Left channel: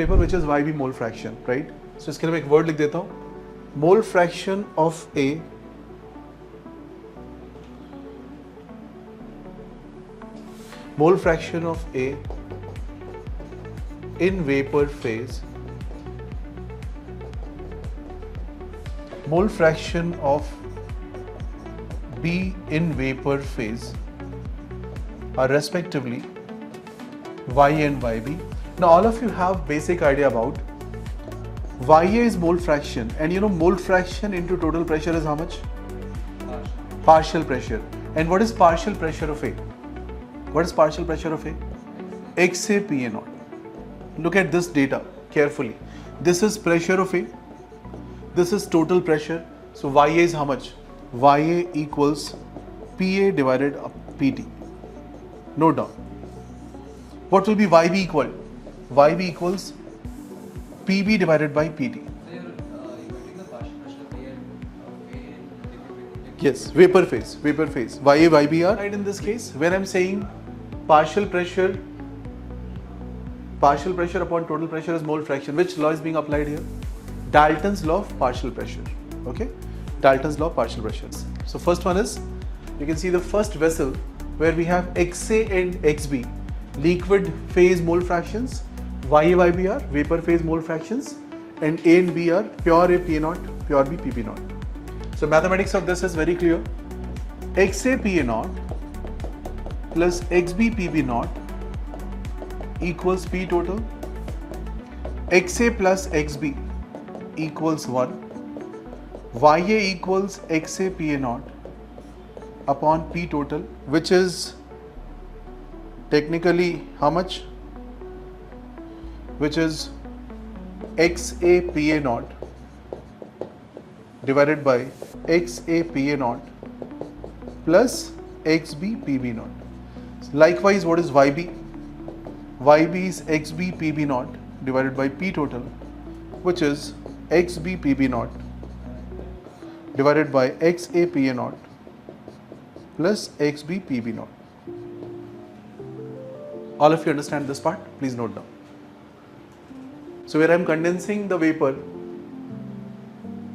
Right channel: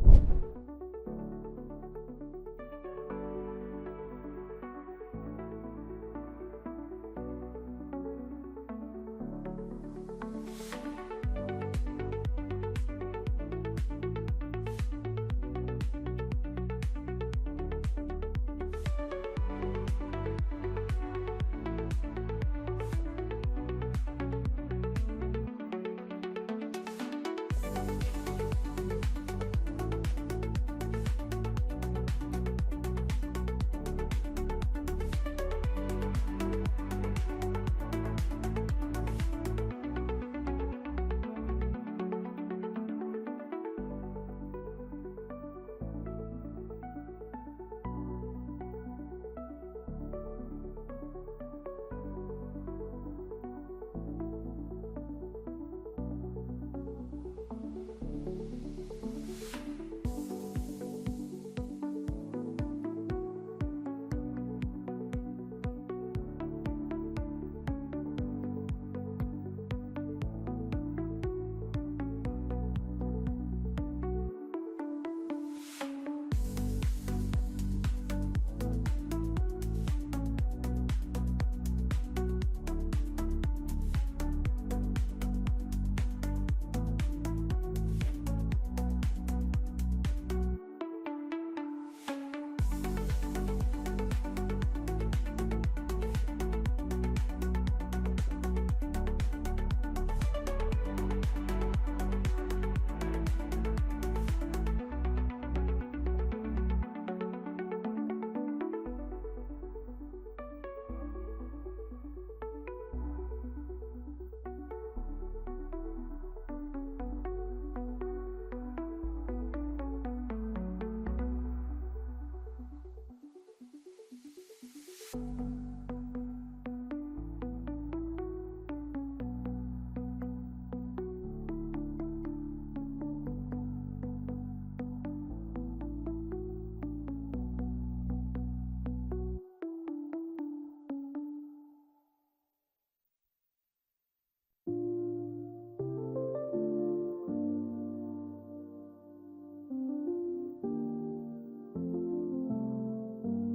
paper which is YB mole fraction, right? So इसके लिए मैं एक word लिख देता हूँ, mole fraction of A in vapor phase, mole fraction of B in vapor phase are respectively YA and YB. Now all of you have basic idea about YA is mole fraction, and you know mole fraction into total pressure is how much? Partial pressure. And what is partial pressure of A? What is partial pressure of A? XA PA naught. Look at this data carefully. This is pressure of A. This is total pressure. So YA is how much? YA equals PA divided PT. Note down. What will be YB equal? YB equals PB divided by PT. Yes, vapor phase. YA, YB are right in this case. Where I'm saying partial pressure upon total pressure is mole fraction. Which law is being applied here? Dalton's law of partial pressure. Okay, Dalton's law of partial pressures. So first one is, you can see the first vessel where we have XA and XB, liquid phase mole fractions, YA, YB are vapor phase mole fractions, and A and B are pure A PA naught, pure B PP naught. So mathematics of this is very clear. XA PA naught plus XB PB naught equals P total. XA plus XB equals 1. YA equals XA PA naught upon P total, which is technically how much? Which is XA PA naught divided by XA PA naught plus XB PB naught. Likewise, what is YB? YB is XB PB naught divided by P total, which is XB PB naught divided by XA PA naught plus XB PB naught. All of you understand this part? Please note down. So where I am condensing the vapor,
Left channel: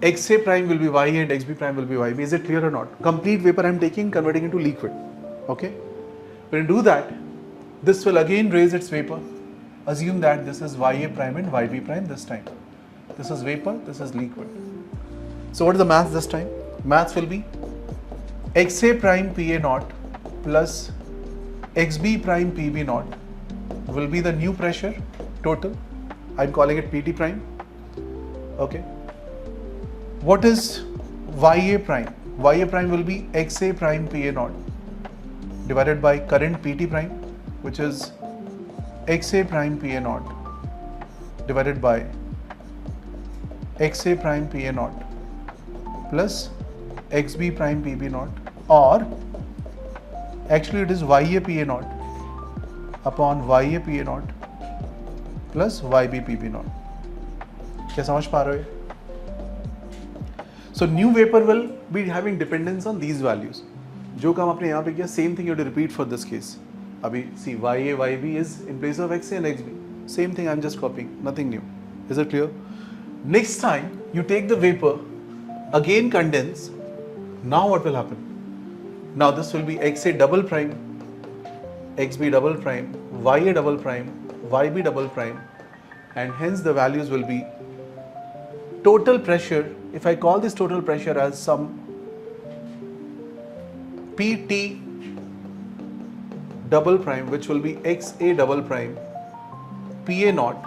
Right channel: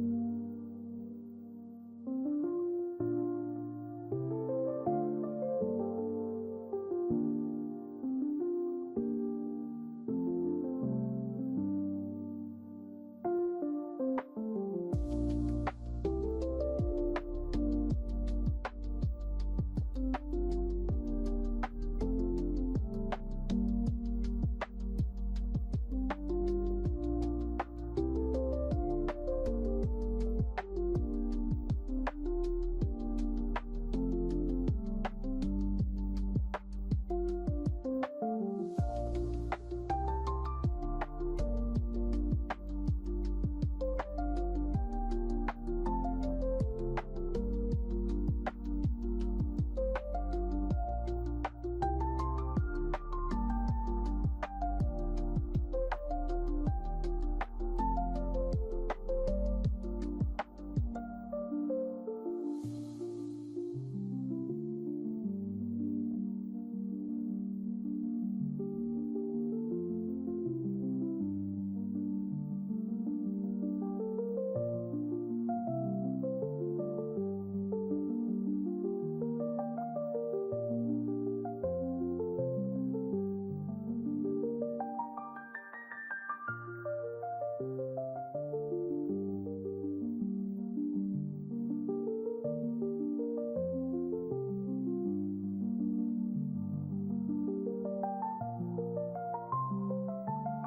XA prime will be YA and XB prime will be YB. Is it clear or not? Complete vapor I am taking, converting into liquid. Okay? When you do that, this will again raise its vapor. Assume that this is YA prime and YB prime this time. This is vapor, this is liquid. So what is the math this time? Math will be XA prime PA naught plus XB prime PB naught will be the new pressure total. I'm calling it PT prime. Okay. What is YA prime? YA prime will be XA prime PA naught divided by current PT prime, which is XA prime PA naught divided by XA prime PA naught plus XB prime PB naught, or actually it is YA PA naught upon YA PA naught plus YB PB naught. क्या समझ पा रहे हो? So new vapor will be having dependence on these values. जो काम आपने यहाँ पे किया, same thing you have to repeat for this case. अभी see YA YB is in place of XA and XB. Same thing I'm just copying, nothing new. Is it clear? Next time you take the vapor, again condense. Now what will happen? Now this will be XA double prime, XB double prime, YA double prime, YB double prime, and hence the values will be total pressure. If I call this total pressure as some PT double prime, which will be XA double prime PA naught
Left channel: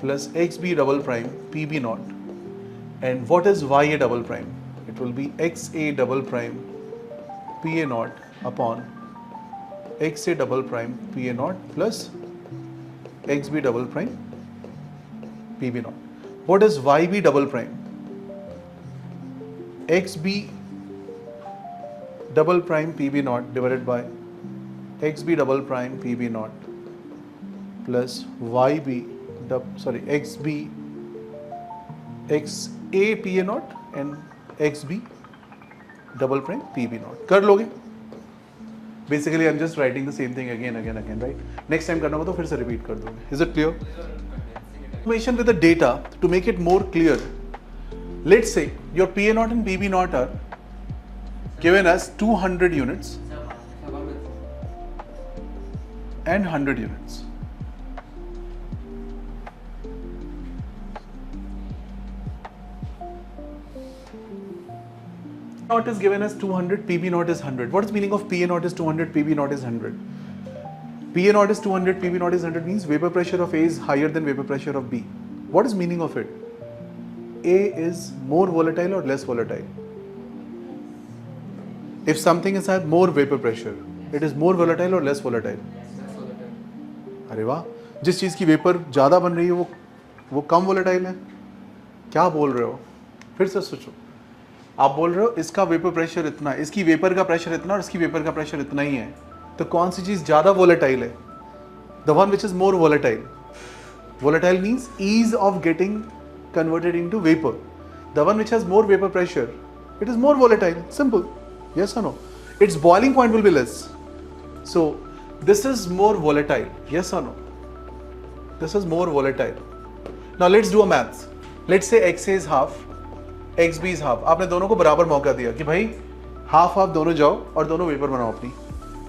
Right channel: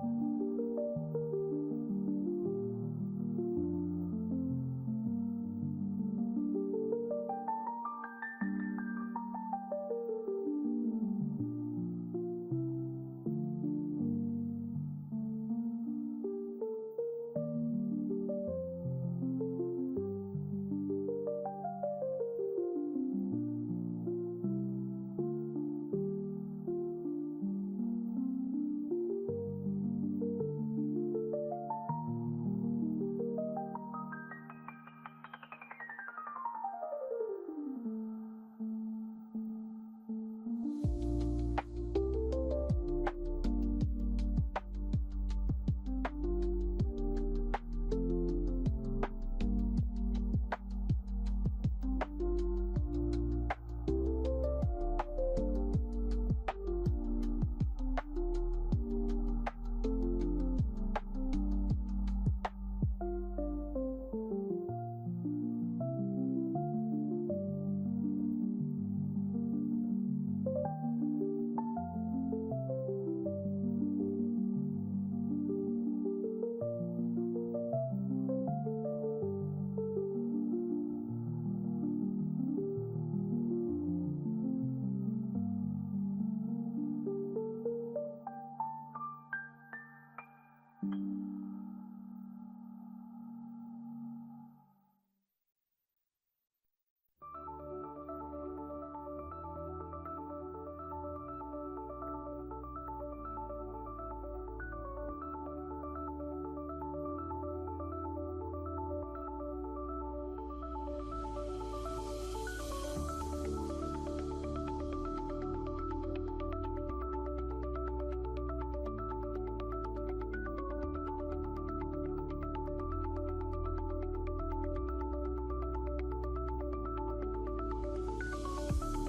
plus XB double prime PB naught, and what is YA double prime? It will be XA double prime PA naught upon XA double prime PA naught plus XB double prime PB naught. What is YB double prime? XB double prime PB naught divided by XB double prime PB naught plus XB XA PA naught and XB double prime PB naught. कर लोगे? Basically, I'm just writing the same thing again, right? Next time करना होगा तो फिर से repeat कर दूँगा. Is it clear? Information with the data to make it more clear. Let's say your PA0 and PB0 are given as 200 units and 100 units. P0 is given as 200, PB0 is 100. What is meaning of PA0 is 200, PB0 is 100? PA0 is 200, PB0 is 100 means vapor pressure of A is higher than vapor pressure of B. What is meaning of it? A is more volatile or less volatile? If something has had more vapor pressure, it is more volatile or less volatile? अरे वाह, जिस चीज़ की vapour ज़्यादा बन रही है वो कम volatile है. क्या बोल रहे हो? फिर से सोचो. आप बोल रहे हो इसका वेपर प्रेशर इतना, इसकी वेपर का प्रेशर इतना और इसकी वेपर का प्रेशर इतना ही है. तो कौन सी चीज़ ज़्यादा वोलेटाइल है? The one which is more volatile. Volatile means ease of getting converted into vapor. The one which has more vapor pressure, it is more volatile. Simple. Yes or no? Its boiling point will be less. So this is more volatile. Yes or no? This is more volatile. Now let's do a maths. Let's say XA is half, XB is half. आपने दोनों को बराबर मौका दिया कि भाई half half दोनों जाओ और दोनों वेपर बनाओ अपनी.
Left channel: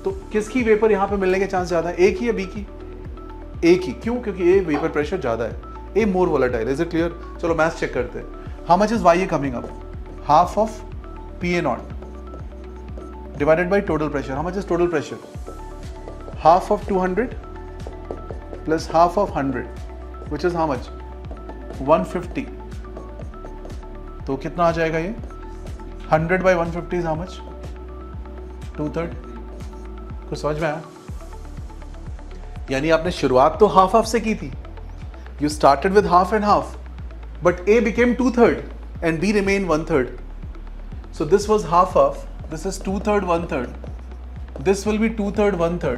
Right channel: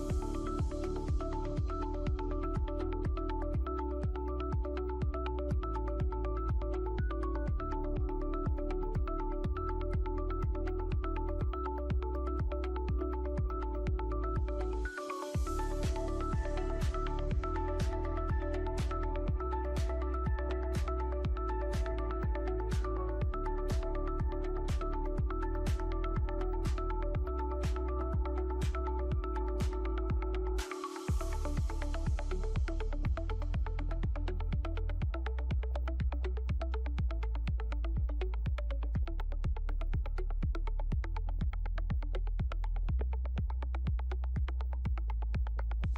तो किसकी वेपर यहाँ पे मिलने के चांस ज्यादा है? ए की या बी की? ए की. क्यों? क्योंकि ए वेपर प्रेशर ज्यादा है. A more volatile. Is it clear? चलो मैथ्स चेक करते हैं. How much is Y coming up? Half of PA0 divided by total pressure. How much is total pressure? Half of 200 plus half of 100, which is how much? 150. तो कितना आ जाएगा ये? 100 by 150 is how much? 2/3. कुछ समझ में आया? यानी आपने शुरुआत तो हाफ हाफ से की थी. You started with half and half, but A became 2/3 and B remained 1/3. So this was half half. This is 2/3, 1/3. This will be 2/3, 1/3.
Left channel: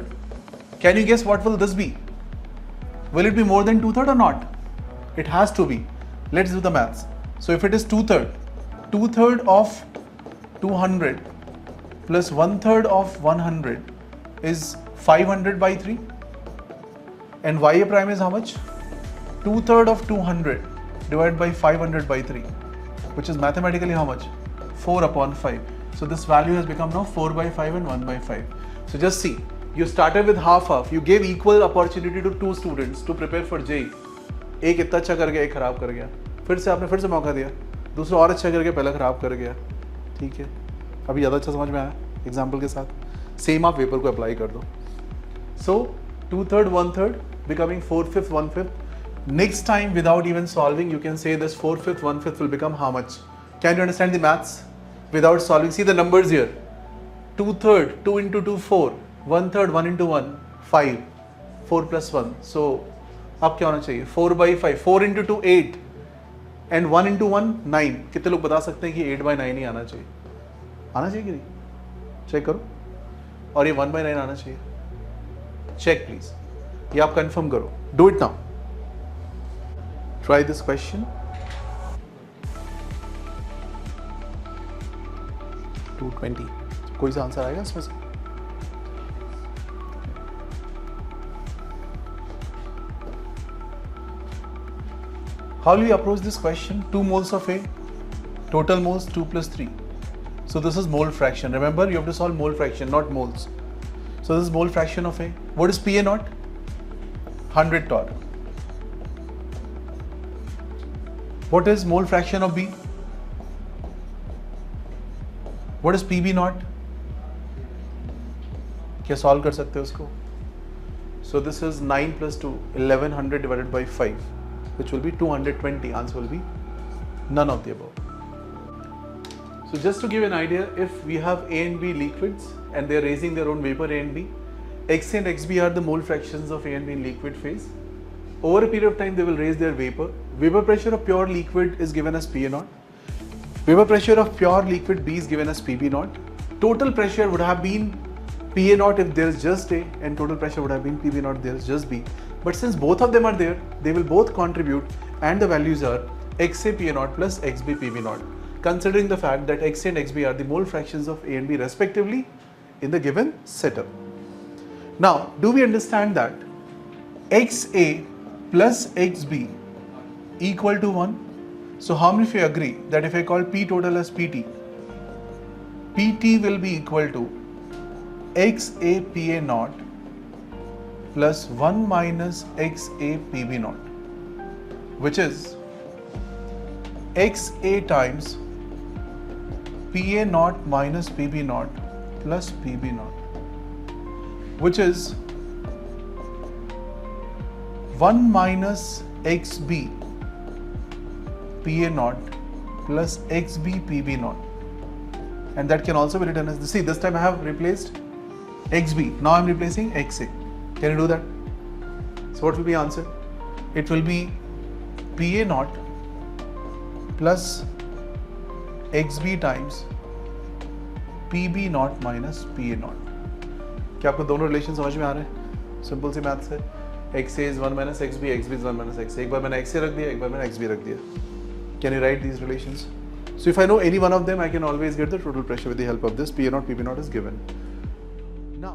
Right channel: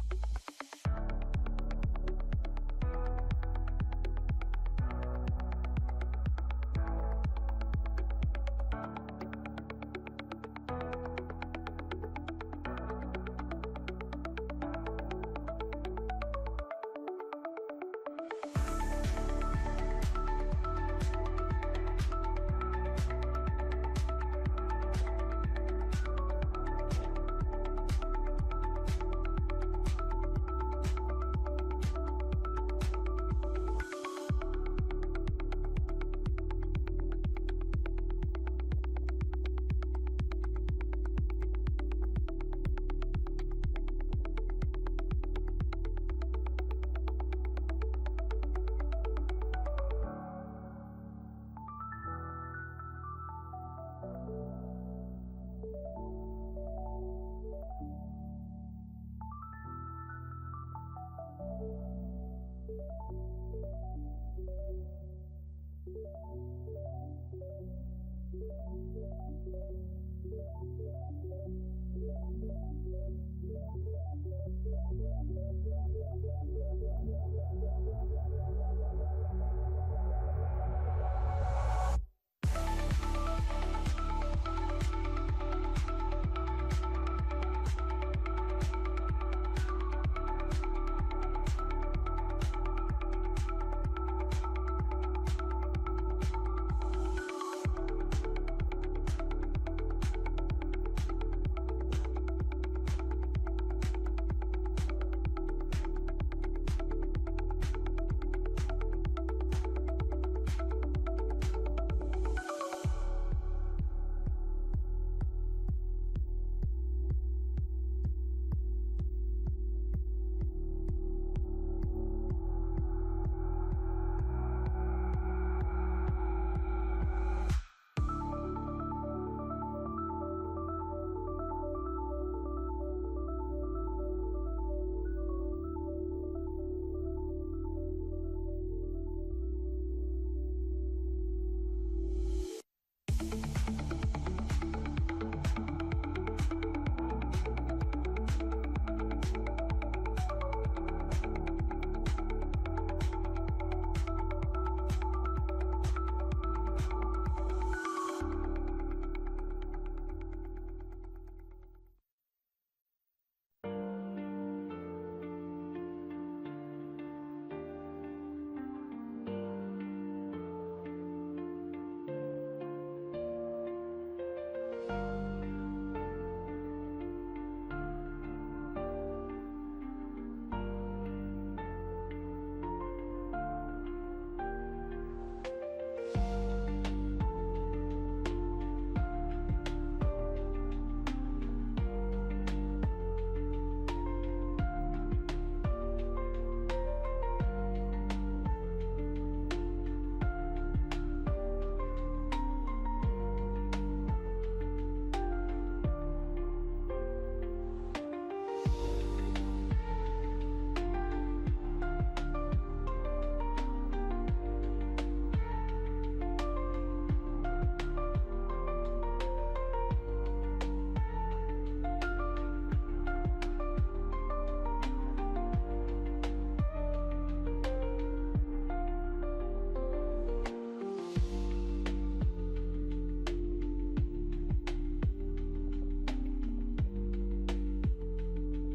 Can you guess what will this be? Will it be more than 2/3 or not? It has to be. Let's do the maths. So if it is 2/3, 2/3 of 200 plus 1/3 of 100 is 500 by 3. And YA prime is how much? 2/3 of 200 divided by 500 by 3, which is mathematically how much? 4/5. So this value has become now 4/5 and 1/5. So just see, you started with half. You gave equal opportunity to two students to prepare for JEE. एक इतना अच्छा कर गया, एक खराब कर गया. फिर से आपने फिर से मौका दिया, दूसरा और अच्छा करके पहला खराब कर गया. ठीक है, अभी ज़्यादा अच्छा समझ में आया एग्जाम्पल के साथ. सेम आप पेपर को अप्लाई कर दो. So 2/3, 1/3 becoming 4/5, 1/5. Next time without even solving, you can say this 4/5, 1/5 will become how much? Can you understand the maths? Without solving, see the numbers here. 2/3, 2 into 2, 4. 1/3, 1 into 1, 5. 4 plus 1. So, अब क्या होना चाहिए? 4/5. 4 into 2, 8. And 1 into 1, 9. कितने लोग बता सकते हैं कि 8/9 ही आना चाहिए? आना चाहिए कि नहीं? चेक करो. और ये 1/9 आना चाहिए. Check please. ये आप confirm करो. Do it now. Try this question. 220. कोई सा आंसर आएगा इसमें से? How will you approach this question? 2 moles of A, total moles 2 plus 3. So this is mole fraction. Remember, you have to solve mole fraction, not moles. So this is mole fraction of A. What is PA0? 100 torr. What is mole fraction of B? What is PB0? क्या solve कर सकते हो उसको? So this is 9 plus 2, 1100 divided by 5, which will be 220. Answer will be none of the above. So just to give an idea, if we have A and B liquids and they are raising their own vapor A and B, X and XB are the mole fractions of A and B in liquid phase. Over a period of time, they will raise their vapor. Vapor pressure of pure liquid is given as PA0. Vapor pressure of pure liquid B is given as PB0. Total pressure would have been PA0 if there is just A, and total pressure would have been PB0 if there is just B. But since both of them are there, they will both contribute, and the values are XA PA0 plus XB PB0, considering the fact that XA and XB are the mole fractions of A and B respectively in the given setup. Now, do we understand that XA plus XB equal to 1. So how many of you agree that if I call P total as PT, PT will be equal to XA PA naught plus 1 minus XA PB naught, which is XA times PA naught minus PB naught plus PB naught, which is 1 minus XB PA naught plus XB PB naught, and that can also be written as this. See, this time I have replaced XB, now I am replacing XA. Can you do that? So what will be answer? It will be PA naught plus XB times PB naught minus PA naught. क्या आपको दोनों relation समझ में आ रहे हैं? Simple सी maths है. XA is 1 minus XB, XB is 1 minus XA. एक बार मैंने XA रख दिया, एक बार मैंने XB रख दिया. Can you write these relations? So if I know any one of them, I can always get the total pressure with the help of this. P naught, PP naught is given. Now.